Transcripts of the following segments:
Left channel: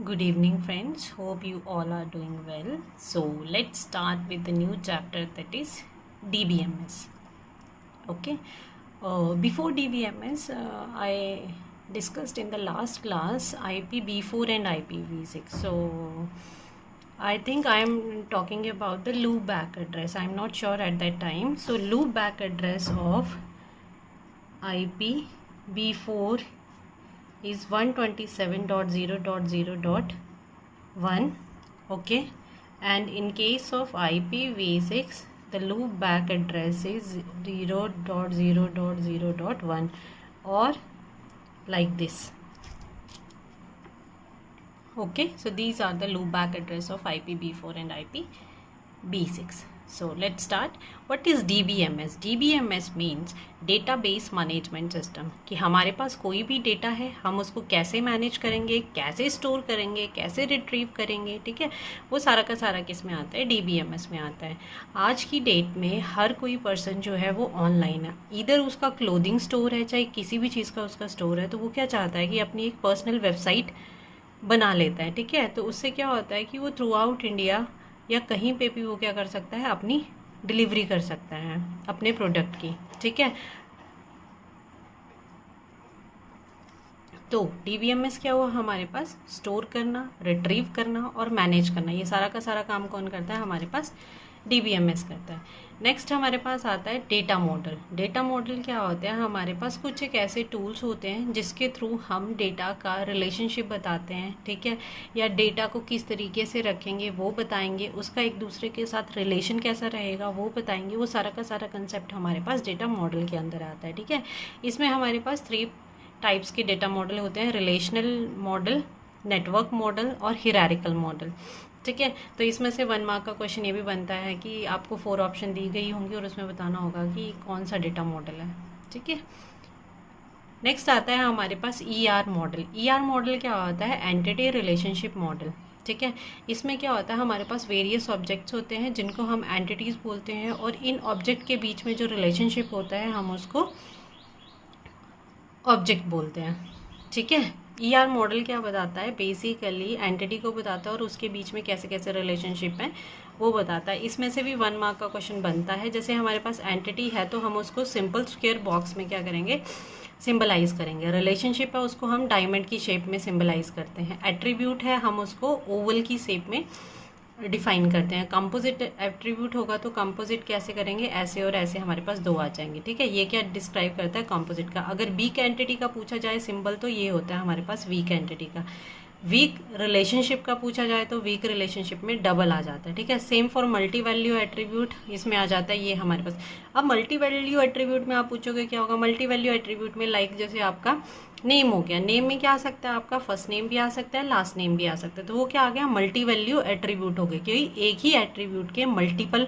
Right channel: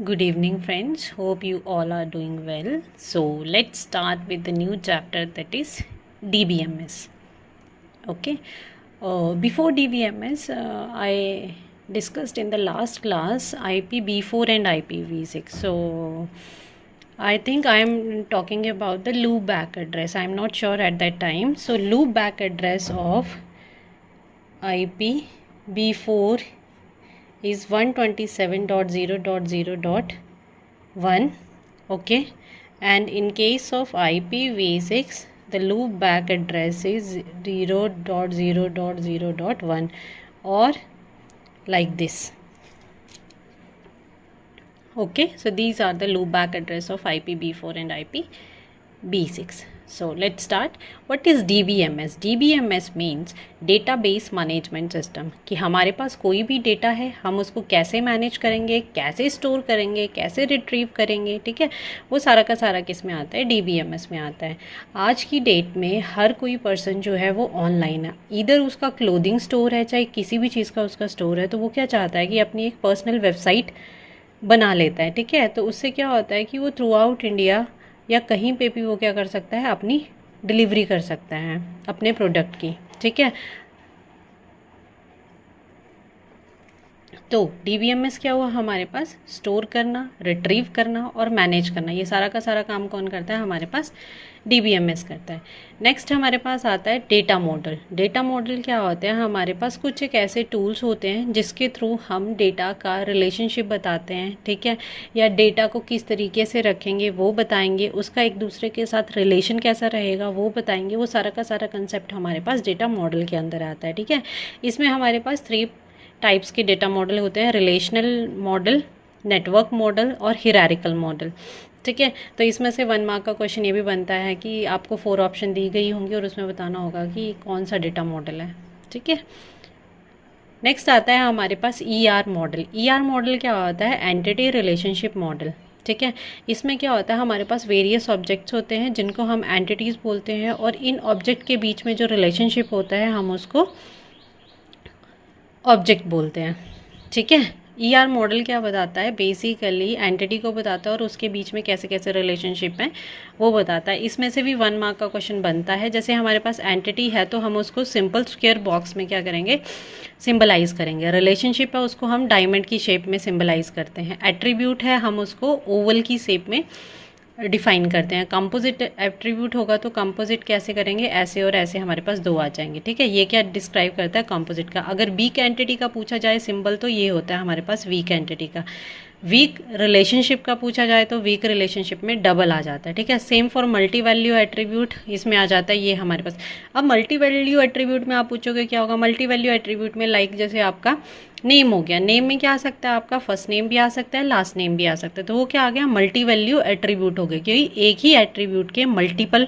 Good evening, friends. Hope you all are doing well. So, let's start with the new chapter that is DBMS. Okay. Before DBMS, I discussed in the last class IPv4 and IPv6. So, I think I am talking about the loopback address. I am not sure at that time. So, loopback address of IPv4 is 127.0.0.1. Okay, and in case of IPv6 the loop back address is 0.0.0.1 or like this. Okay, so these are the loop back address of IPv4 and IPv6. So let's start. What is DBMS? DBMS means database management system, कि हमारे पास कोई भी data है हम उसको कैसे manage करेंगे, कैसे स्टोर करेंगे, कैसे रिट्रीव करेंगे, ठीक है, वो सारा का सारा किस में आता है, DBMS में आता है। आज की डेट में हर कोई पर्सन जो है वो ऑनलाइन है, इधर उसका क्लोथिंग स्टोर है चाहे किसी भी चीज़ का उसका स्टोर है, तो वो क्या चाहता है कि अपनी एक पर्सनल वेबसाइट बना लेता है, ठीक है। तो उससे क्या होता है कि वो थ्रू आउट इंडिया या कहीं पे भी वो क्या कर सकता है, अपनी डिलीवरी कर सकता है अपने प्रोडक्ट की, ठीक है। तो DBMS क्या हुआ हमारे पास, स्टोर करना, रिट्रीव करना और मैनेज करना, ये सारा का सारा काम कौन करता है, हमारे पास DBMS करता है। नेक्स्ट हमारे पास आता है डेटा मॉडल। डेटा मॉडल क्या होता है, हमारे पास कुछ एक ऐसे टूल्स होते हैं जिसके थ्रू हम डेटा का रिलेशनशिप बताते हैं, ठीक है, या डेटा को किस तरीके से रखेंगे वो बताएंगे, उसका एक दूसरे के साथ रिलेशन कैसा रहेगा वो बताएंगे। वो सारा का सारा कंसेप्ट हमारे पास डेटा मॉडल के अंदर आता है, ठीक है। इसमें हमारे पास 3 टाइप्स के डेटा मॉडल होते हैं, रिलेशनल मॉडल, नेटवर्क मॉडल और हिरारिकल मॉडल, ठीक है। तो इसमें से 1 मार्क का क्वेश्चन ये भी बनता है कि आपको 4 ऑप्शन दी गई होंगी और उसमें बताना होगा कि कौन सा डेटा मॉडल है, ठीक है। नेक्स्ट आता है हमारे पास ER मॉडल। ER मॉडल क्या होता है, एंटिटी रिलेशनशिप मॉडल, ठीक है। इसमें क्या होता है, हमारे पास वेरियस ऑब्जेक्ट्स होते हैं जिनको हम एंटिटीज़ बोलते हैं और इन ऑब्जेक्ट के बीच में जो रिलेशनशिप होता है हम उसको ऑब्जेक्ट बोलते हैं, ठीक है। ER मॉडल क्या बताता है, बेसिकली एंटिटी को बताता है और उसके बीच में कैसे कैसे रिलेशनशिप हैं वो बताता है। इसमें से भी 1 मार्क का क्वेश्चन बनता है। जैसे हमारे पास एंटिटी है तो हम उसको सिंपल स्क्वायर बॉक्स में क्या करेंगे, सिंबलाइज करेंगे। रिलेशनशिप है उसको हम डायमंड की शेप में सिंबलाइज करते हैं। एट्रीब्यूट है हम उसको ओवल की शेप में डिफाइन करते हैं। कंपोजिट एट्रीब्यूट होगा तो कंपोजिट कैसे करेंगे, ऐसे और ऐसे हमारे पास 2 आ जाएंगे, ठीक है। ये क्या डिस्क्राइब करता है, कंपोजिट का। अगर वीक एंटिटी का पूछा जाए सिंबल तो ये होता है हमारे पास वीक एंटिटी का। वीक रिलेशनशिप का पूछा जाए तो वीक रिलेशनशिप में डबल आ जाता है, ठीक है। Same for multi value attribute, इसमें आ जाता है ये हमारे पास। अब मल्टी वैल्यू एट्रीब्यूट में आप पूछोगे क्या होगा, मल्टी वैल्यू एट्रीब्यूट में लाइक जैसे आपका नेम हो गया, नेम में क्या आ सकता है, आपका फर्स्ट नेम भी आ सकता है, लास्ट नेम भी आ सकता है, तो वो क्या आ गया, मल्टी वैल्यू एट्रीब्यूट हो गया, क्योंकि एक ही एट्रीब्यूट के मल्टीपल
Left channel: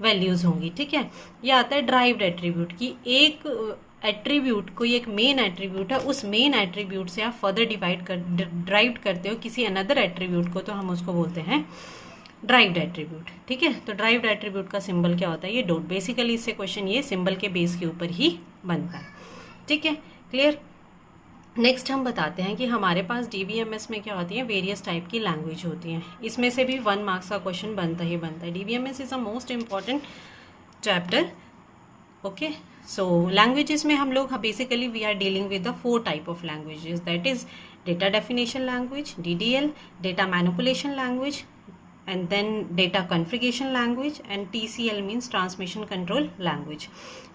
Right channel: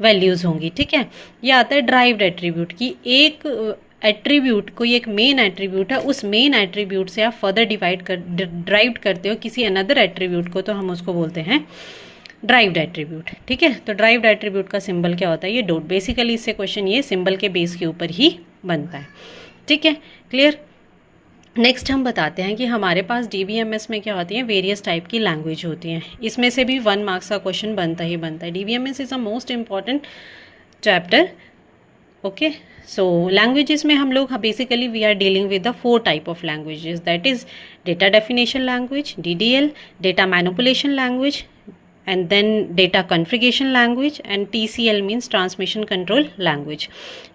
वैल्यूज़ होंगी, ठीक है। ये आता है ड्राइव्ड एट्रीब्यूट की, एक एट्रीब्यूट कोई एक मेन एट्रीब्यूट है, उस मेन एट्रीब्यूट से आप फर्दर ड्राइव करते हो किसी अनदर एट्रीब्यूट को, तो हम उसको बोलते हैं ड्राइव्ड एट्रीब्यूट, ठीक है। तो ड्राइव्ड एट्रीब्यूट का सिंबल क्या होता है, ये डॉट। बेसिकली इससे क्वेश्चन ये सिंबल के बेस के ऊपर ही बनता है, ठीक है, क्लियर। नेक्स्ट हम बताते हैं कि हमारे पास DBMS में क्या होती है, वेरियस टाइप की लैंग्वेज होती हैं। इसमें से भी 1 मार्क्स का क्वेश्चन बनता ही बनता है। DBMS is a most important chapter, okay. So languages में हम लोग basically we are dealing with the 4 type of languages, that is data definition language, DDL, data manipulation language, and then data configuration language, and TCL means transmission control language,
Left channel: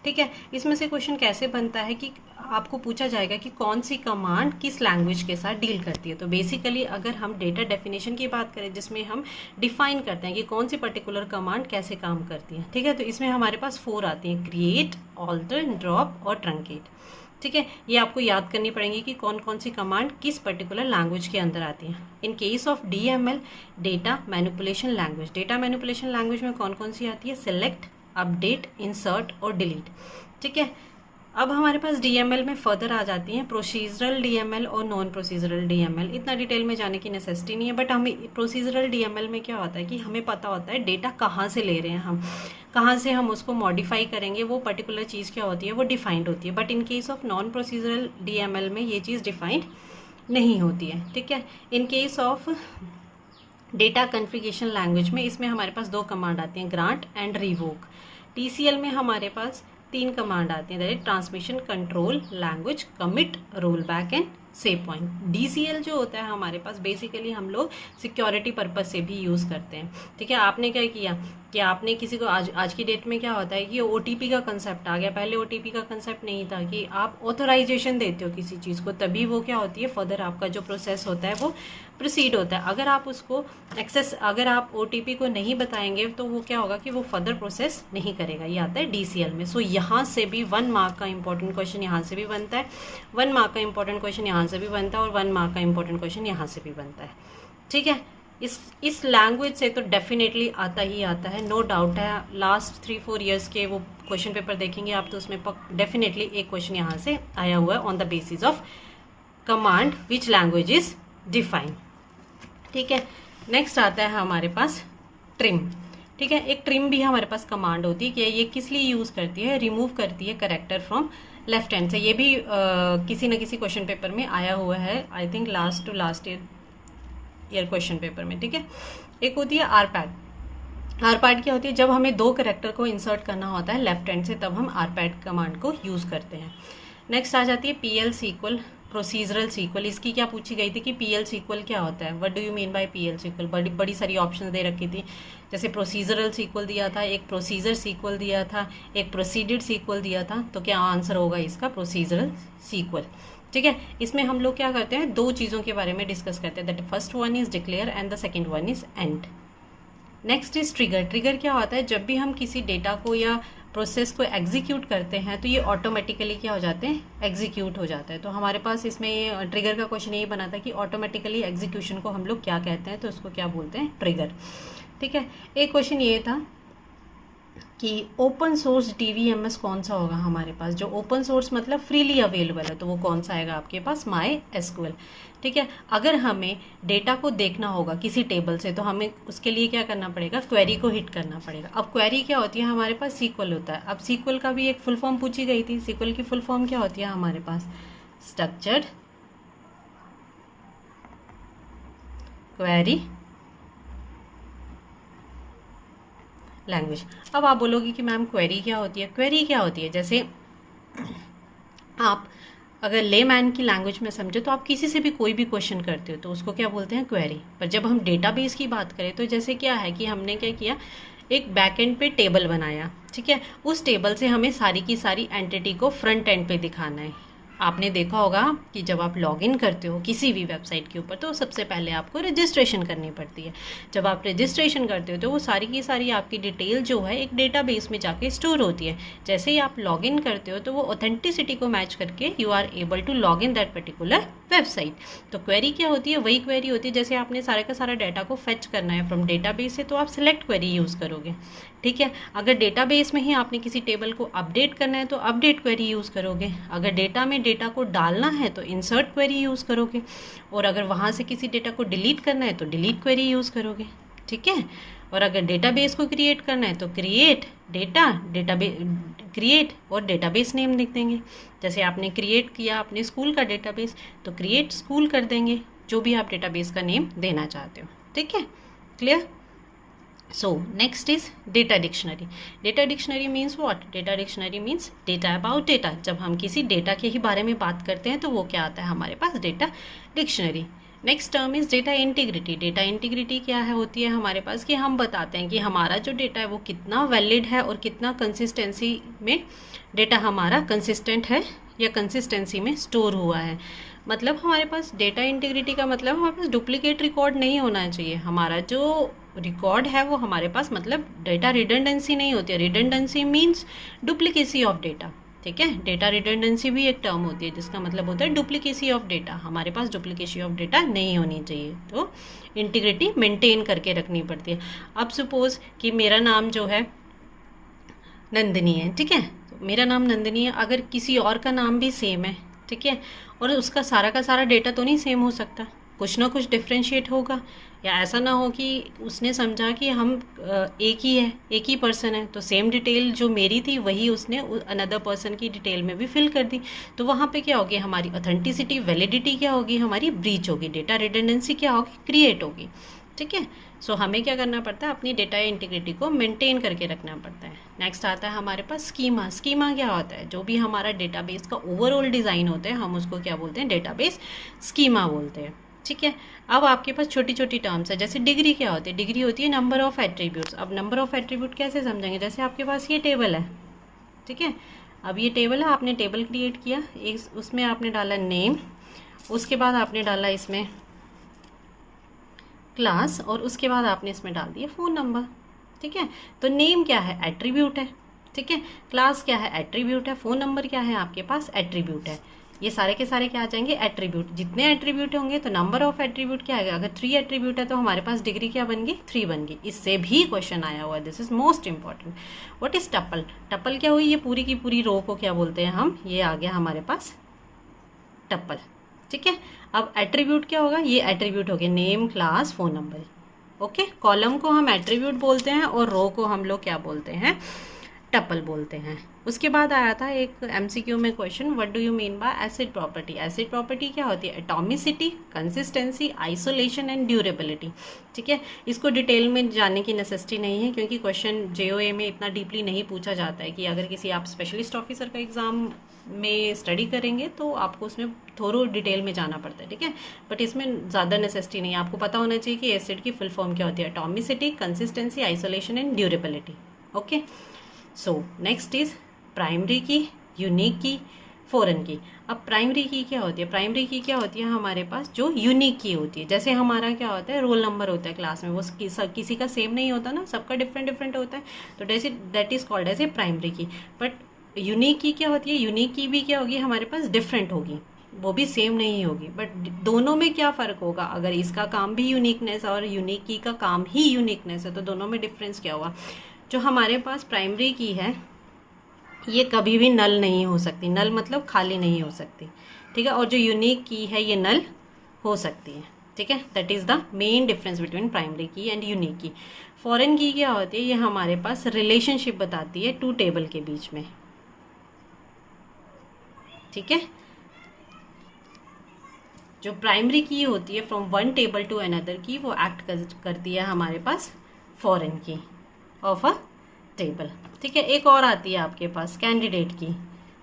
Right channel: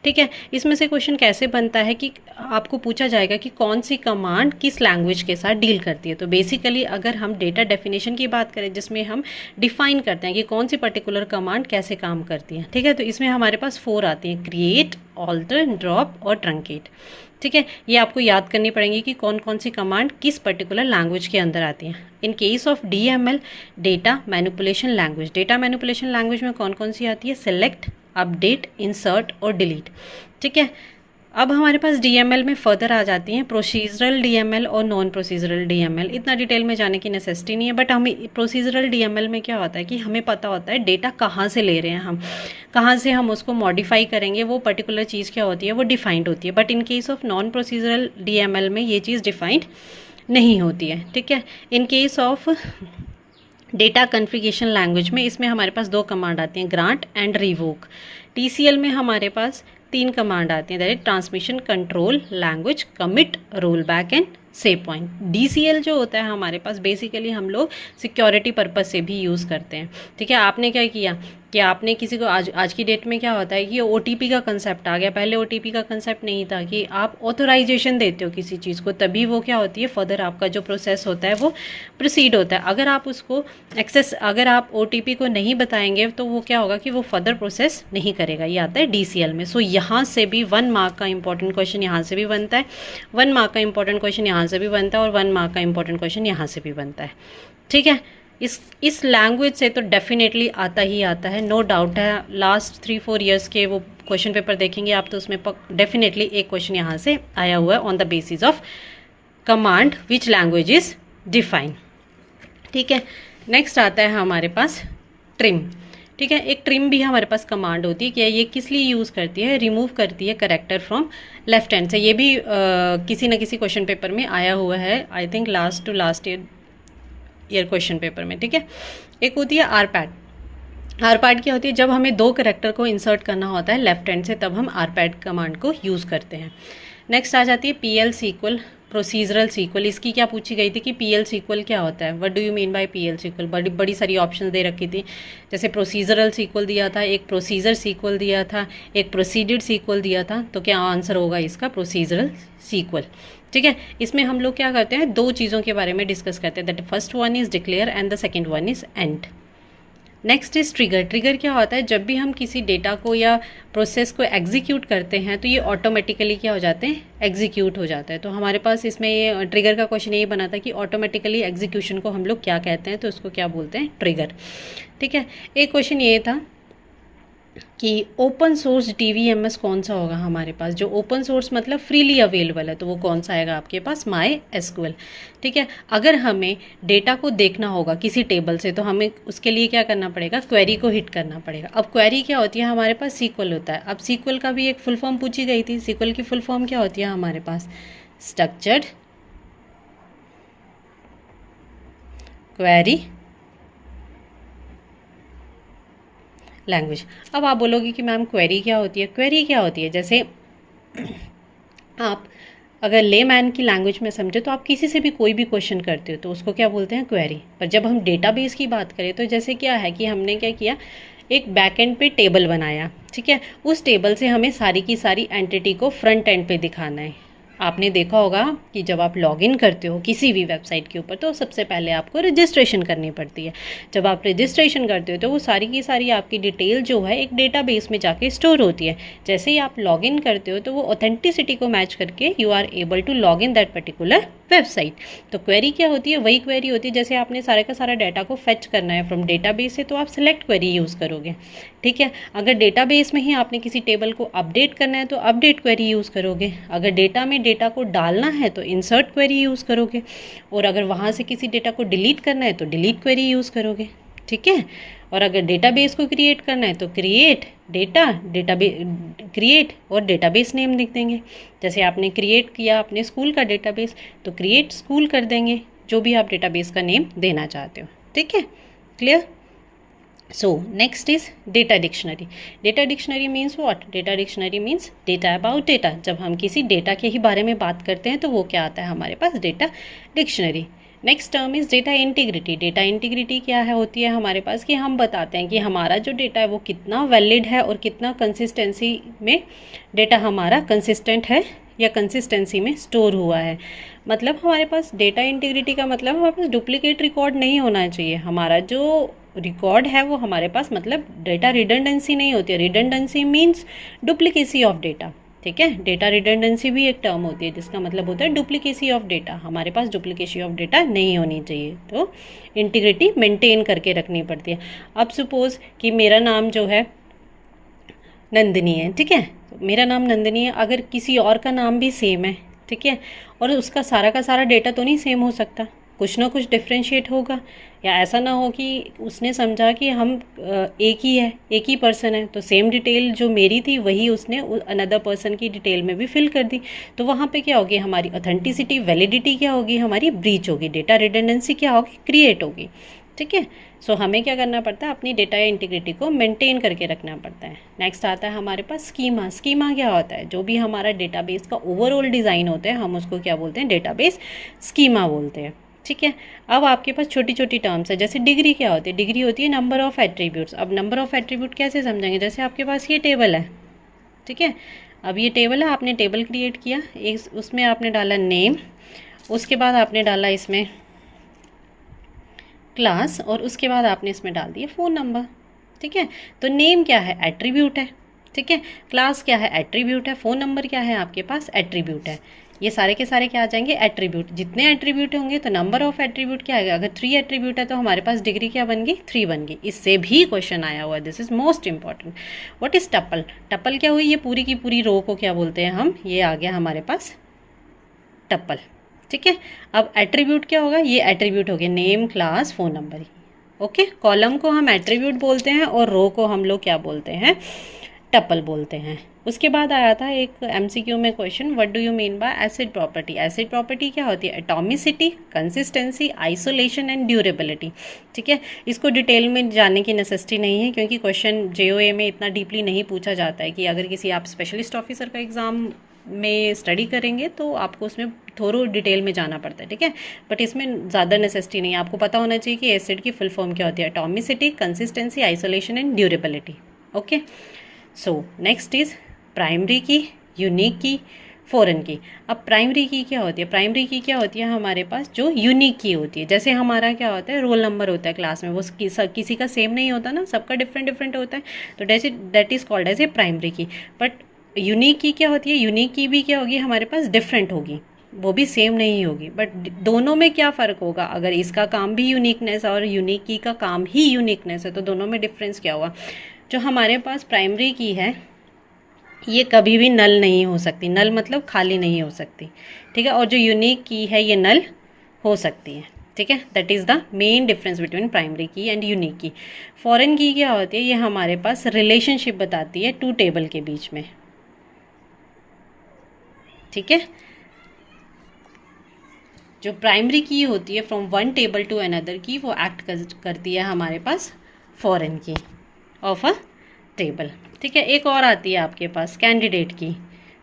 ठीक है। इसमें से question कैसे बनता है कि आपको पूछा जाएगा कि कौन सी कमांड किस लैंग्वेज के साथ डील करती है। तो बेसिकली अगर हम डेटा डेफिनेशन की बात करें जिसमें हम डिफाइन करते हैं कि कौन सी पर्टिकुलर कमांड कैसे काम करती है, ठीक है, तो इसमें हमारे पास 4 आती हैं, क्रिएट, ऑल्टर, ड्रॉप और ट्रंकेट, ठीक है। ये आपको याद करनी पड़ेगी कि कौन कौन सी कमांड किस पर्टिकुलर लैंग्वेज के अंदर आती हैं। In case of DML, data manipulation language, data manipulation language में कौन कौन सी आती है, सेलेक्ट, अपडेट, इंसर्ट और डिलीट, ठीक है। अब हमारे पास DML में फर्दर आ जाती हैं प्रोसीजरल DML और नॉन प्रोसीजरल DML। इतना डिटेल में जाने की नेसेसिटी नहीं है, बट हमें प्रोसीजरल DML में क्या होता है कि हमें पता होता है डेटा कहाँ से ले रहे हैं, हम कहाँ से हम उसको मॉडिफाई करेंगे, वो पर्टिकुलर चीज़ क्या होती है वो डिफाइंड होती है। But in case of non procedural DML में ये चीज़ डिफाइंड नहीं होती है, ठीक है। In case of data configuration language में इसमें हमारे पास 2 कमांड आती हैं, ग्रांट एंड रिवोक। टीसीएल में हमारे पास 3 कमांड आती हैं, that is transmission control language commit roll back and save point. DCL जो होता है हमारे पास बेसिकली हम लोग सिक्योरिटी पर्पस से भी यूज़ करते हैं, ठीक है। आपने क्या किया कि आपने किसी को आज की डेट में क्या होता है कि ओटीपी का कंसेप्ट आ गया, पहले ओटीपी का कंसेप्ट नहीं था कि आप ऑथोराइजेशन देते हो किसी चीज़ को तभी वो क्या होती है फर्दर आपका जो प्रोसेस होता है वो प्रोसीड होता है। अगर आप उसको अगर आप ओटीपी को नहीं बताएंगे तो वो क्या होगा कि वो फर्दर प्रोसेस नहीं करेगा, ये आता है डीसीएल में। सो यहाँ से भी 1 मार्क का इंपॉर्टेंट क्वेश्चन यहाँ से भी बनता है, 1 मार्क का इंपॉर्टेंट क्वेश्चन यहाँ से भी बनता है और 1 मार्क का इंपॉर्टेंट क्वेश्चन यहाँ से भी बनता है, ठीक है। इस लैंग्वेज से तो डेफिनेटली आता ही आता है, नो डाउट है। लास्ट 3-4 ईयर्स के वो क्वेश्चन पेपर देखेंगे आप तो उसमें डेफिनेटली एक क्वेश्चन यहाँ से आया हुआ है on the basis of command which language is define, ठीक है। नेक्स्ट आता है हमारे पास ट्रिम, ठीक है। एक ट्रिम भी हमारे पास कमांड होती है कि ये किस लिए यूज़ करती है, रिमूव करती है करेक्टर फ्रॉम लेफ्ट हैंड से। ये भी किसी न किसी क्वेश्चन पेपर में आया हुआ है, I think last to last year question paper में, ठीक है। एक होती है आरपैड। आरपैड क्या होती है, जब हमें 2 करेक्टर को इंसर्ट करना होता है लेफ्ट हैंड से तब हम आरपैड कमांड को यूज़ करते हैं। नेक्स्ट आ जाती है पीएल सीक्वल, प्रोसीजरल सीक्वल। इसकी क्या पूछी गई थी कि पीएल सीक्वल क्या होता है, what do you mean by PL SQL. बड़ी सारी ऑप्शंस दे रखी थी, जैसे प्रोसीजरल सीक्वल दिया था, एक प्रोसीजर सीक्वल दिया था, एक प्रोसीडेड सीक्वल दिया था। तो क्या आंसर होगा इसका, प्रोसीजरल सीक्वल, ठीक है। इसमें हम लोग क्या करते हैं, 2 चीज़ों के बारे में डिस्कस करते हैं, that first one is declare and the second one is and. Next is trigger. Trigger क्या होता है, जब भी हम किसी डेटा को या प्रोसेस को एग्जीक्यूट करते हैं तो ये ऑटोमेटिकली क्या हो जाते हैं, एग्जीक्यूट हो जाता है। तो हमारे पास इसमें ये ट्रिगर का क्वेश्चन ये बना था कि ऑटोमेटिकली एग्जीक्यूशन को हम लोग क्या कहते हैं, तो उसको क्या बोलते हैं, ट्रिगर, ठीक है। एक क्वेश्चन ये था कि ओपन सोर्स डीवीएमएस कौन सा होगा हमारे पास, जो ओपन सोर्स मतलब फ्रीली अवेलेबल है, तो वो कौन सा आएगा आपके पास, माई एसक्यूएल, ठीक है। अगर हमें डेटा को देखना होगा किसी टेबल से तो हमें उसके लिए क्या करना पड़ेगा, क्वेरी को हिट करना पड़ेगा। अब क्वेरी क्या होती है, हमारे पास सीक्वल होता है। अब सीक्वल का भी एक फुल फॉर्म पूछी गई थी, सीक्वल की फुल फॉर्म क्या होती है हमारे पास, स्ट्रक्चर्ड क्वेरी लैंग्वेज। अब आप बोलोगे कि मैम क्वेरी क्या होती है। क्वेरी क्या होती है, जैसे आप अगर लेमैन की लैंग्वेज में समझे तो आप किसी से भी कोई भी क्वेश्चन करते हो तो उसको क्या बोलते हैं, क्वेरी। पर जब हम डेटाबेस की बात करें तो जैसे क्या है कि हमने क्या किया, एक बैक एंड पे टेबल बनाया, ठीक है। उस टेबल से हमें सारी की सारी एंटिटी को फ्रंट एंड पे दिखाना है। आपने देखा होगा कि जब आप लॉगिन करते हो किसी भी वेबसाइट के ऊपर तो सबसे पहले आपको रजिस्ट्रेशन करनी पड़ती है। जब आप रजिस्ट्रेशन करते हो तो वो सारी की सारी आपकी डिटेल जो है एक डेटाबेस में जाके स्टोर होती है। जैसे ही आप लॉगिन करते हो तो वो ऑथेंटिसिटी को मैच करके you are able to log in that particular website. तो क्वेरी क्या होती है, वही क्वेरी होती है। जैसे आपने सारे का सारा डाटा को फेच करना है फ्रॉम डेटाबेस से तो आप सेलेक्ट क्वेरी यूज़ करोगे, ठीक है। अगर डेटाबेस में ही आपने किसी टेबल को अपडेट करना है तो अपडेट क्वेरी यूज़ करोगे। अगर डेटा में डेटा को डालना है तो इंसर्ट क्वेरी यूज़ करोगे, और अगर वहाँ से किसी डेटा को डिलीट करना है तो डिलीट क्वेरी यूज़ करोगे, ठीक है। और अगर डेटाबेस को क्रिएट करना है तो क्रिएट क्रिएट और डेटाबेस नेम लिख देंगे। जैसे आपने क्रिएट किया अपने स्कूल का डेटाबेस तो क्रिएट स्कूल कर देंगे, जो भी आप डेटाबेस का नेम देना चाहते हो, ठीक है, clear. So next is data dictionary. Data dictionary means what? Data dictionary means data about data. जब हम किसी डेटा के ही बारे में बात करते हैं तो वो क्या आता है हमारे पास, data dictionary. Next term is data integrity. Data integrity क्या है, होती है हमारे पास कि हम बताते हैं कि हमारा जो डेटा है वो कितना वैलिड है और कितना कंसिस्टेंसी में डेटा हमारा कंसिस्टेंट है या कंसिस्टेंसी में स्टोर हुआ है। मतलब हमारे पास डेटा इंटीग्रिटी का मतलब हमारे पास डुप्लीकेट रिकॉर्ड नहीं होना चाहिए। हमारा जो रिकॉर्ड है वो हमारे पास मतलब डेटा रिडंडेंसी नहीं होती है। Redundancy means duplicacy of data, ठीक है। डेटा रिडंडेंसी भी एक टर्म होती है जिसका मतलब होता है डुप्लीकेसी ऑफ डेटा। हमारे पास डुप्लीकेसी ऑफ डेटा नहीं होनी चाहिए, तो इंटीग्रिटी मेंटेन करके रखनी पड़ती है। अब सपोज कि मेरा नाम जो है नंदिनी है, ठीक है, तो मेरा नाम नंदिनी है, अगर किसी और का नाम भी सेम है, ठीक है, और उसका सारा का सारा डेटा तो नहीं सेम हो सकता, कुछ ना कुछ डिफ्रेंशिएट होगा, या ऐसा ना हो कि उसने समझा कि हम एक ही है, एक ही पर्सन है, तो सेम डिटेल जो मेरी थी वही उसने अनदर पर्सन की डिटेल में भी फिल कर दी, तो वहाँ पे क्या होगी, हमारी ऑथेंटिसिटी, वैलिडिटी क्या होगी, हमारी ब्रीच होगी, डेटा रिडंडेंसी क्या होगी, क्रिएट होगी। ठीक है, सो हमें क्या करना पड़ता है, अपनी डेटा इंटीग्रिटी को मेंटेन करके रखना पड़ता है। नेक्स्ट आता है हमारे पास स्कीमा। स्कीमा क्या होता है, जो भी हमारा डेटाबेस का ओवरऑल डिज़ाइन होता है हम उसको क्या बोलते हैं, डेटाबेस स्कीमा बोलते हैं। ठीक है, अब आपके पास छोटी छोटी टर्म्स है, जैसे डिग्री क्या होती है, डिग्री होती है नंबर ऑफ एट्रीब्यूट्स। अब नंबर ऑफ एट्रीब्यूट कैसे समझेंगे, जैसे आपके पास ये टेबल है, ठीक है, अब ये टेबल है, आपने टेबल क्रिएट किया, एक उसमें आपने डाला नेम, उसके बाद आपने डाला इसमें क्लास, और उसके बाद आपने इसमें डाल दिया फ़ोन नंबर। ठीक है, तो नेम क्या है, एट्रीब्यूट है। ठीक है, क्लास क्या है, एट्रीब्यूट है। फ़ोन नंबर क्या है, आपके पास एट्रीब्यूट है। ये सारे के सारे क्या आ जाएंगे, एट्रीब्यूट। जितने एट्रीब्यूट होंगे तो नंबर ऑफ एट्रीब्यूट क्या आएगा, अगर 3 एट्रीब्यूट है तो हमारे पास डिग्री क्या बन गई, 3 बन गई। इससे भी क्वेश्चन आया हुआ है, this is most important. What is tuple, tuple क्या हुई, ये पूरी की पूरी रो को क्या बोलते हैं हम, ये आ गया हमारे पास टपल। ठीक है, अब एट्रीब्यूट क्या होगा, ये एट्रीब्यूट हो गया name, class, phone number. Okay, column को हम एट्रीब्यूट बोलते हैं और रो को हम लोग क्या बोलते हैं, टपल बोलते हैं। उसके बाद आया था एक एमसीक्यू में question, what do you mean by acid property. Acid property क्या होती है, atomicity, consistency, isolation and durability. ठीक है, इसको डिटेल में जानने की नेसेसिटी नहीं है, क्योंकि क्वेश्चन जेओए में इतना डीपली नहीं पूछा जाता है। कि अगर किसी आप स्पेशलिस्ट ऑफिसर का एग्ज़ाम में स्टडी करेंगे तो आपको उसमें थोड़ा डिटेल में जाना पड़ता है। ठीक है, बट इसमें ज़्यादा नेसेसिटी नहीं है, आपको पता होना चाहिए कि एसिड की फुल फॉर्म क्या होती है, atomicity, consistency, isolation and durability. Okay, so next is primary की, यूनिक की, फॉरेन की। अब प्राइमरी की क्या होती है, प्राइमरी की क्या होती है, हमारे पास जो यूनिक की होती है। जैसे हमारा क्या होता है, रोल नंबर होता है क्लास में, वो किसी का सेम नहीं होता ना, सबका डिफरेंट डिफरेंट होता है, तो that is called as a primary key. But unique key क्या होती है, यूनिक की भी क्या होगी, हमारे पास डिफरेंट होगी, वो भी सेम नहीं होगी। बट दोनों में क्या फ़र्क होगा, अगर इसका काम भी यूनिकनेस और यूनिक की का काम ही यूनिकनेस है तो दोनों में डिफरेंस क्या होगा। जो हमारे पास प्राइमरी की है ये कभी भी नल नहीं हो सकती, नल मतलब खाली नहीं हो सकती। ठीक है, और जो यूनिक की है ये नल हो सकती है। ठीक है, that is the main difference between primary की एंड यूनिक की। फॉरेन की क्या होती है, ये हमारे पास रिलेशनशिप बताती है टू टेबल के बीच में। ठीक है, जो प्राइमरी की होती है from one table to another key, वो एक्ट करती है हमारे पास foreign key of a table. ठीक है, एक और आती है आपके पास कैंडिडेट की,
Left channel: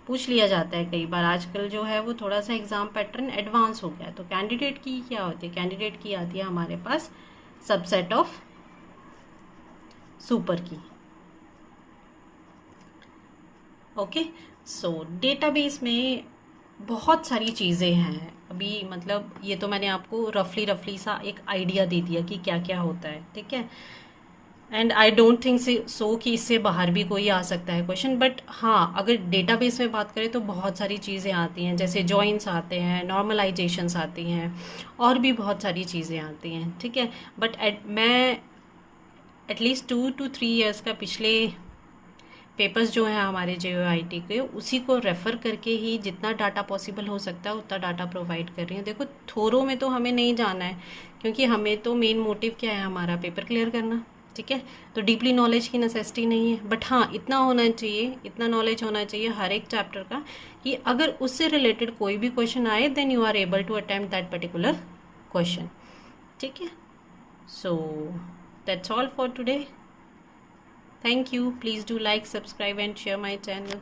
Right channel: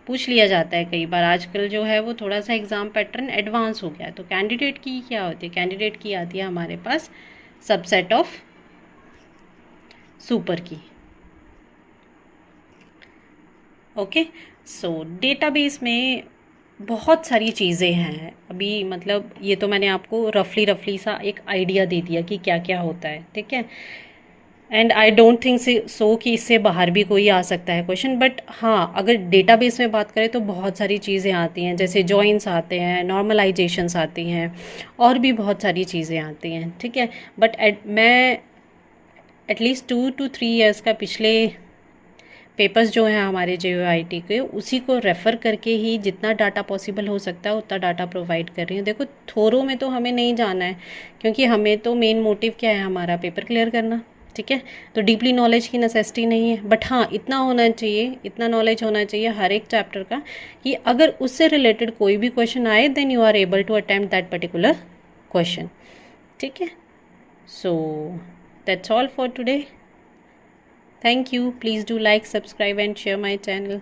पूछ लिया जाता है कई बार। आजकल जो है वो थोड़ा सा एग्ज़ाम पैटर्न एडवांस हो गया है। तो कैंडिडेट की क्या होती है, कैंडिडेट की आती है हमारे पास सबसेट ऑफ सुपर की। ओके, सो डेटाबेस में बहुत सारी चीज़ें हैं। अभी मतलब ये तो मैंने आपको रफली सा एक आइडिया दे दिया कि क्या क्या होता है। ठीक है, and I don't think so कि इससे बाहर भी कोई आ सकता है क्वेश्चन। बट हाँ, अगर डेटाबेस में बात करें तो बहुत सारी चीज़ें आती हैं, जैसे जॉइंस आते हैं, नॉर्मलाइजेशंस आती हैं, और भी बहुत सारी चीज़ें आती हैं। ठीक है, बट मैं एटलीस्ट 2 to 3 ईयर्स का पिछले पेपर्स जो हैं हमारे JOIT के, उसी को रेफ़र करके ही जितना डाटा पॉसिबल हो सकता है उतना डाटा प्रोवाइड कर रही हूँ। देखो थोरों में तो हमें नहीं जाना है, क्योंकि हमें तो मेन मोटिव क्या है, हमारा पेपर क्लियर करना। ठीक है, तो डीपली नॉलेज की नेसेसिटी नहीं है, बट हाँ इतना होना चाहिए, इतना नॉलेज होना चाहिए हर एक चैप्टर का कि अगर उससे रिलेटेड कोई भी क्वेश्चन आए then you are able to attempt that particular question. ठीक है, so that's all for today. Thank you. Please do like, subscribe and share my channel.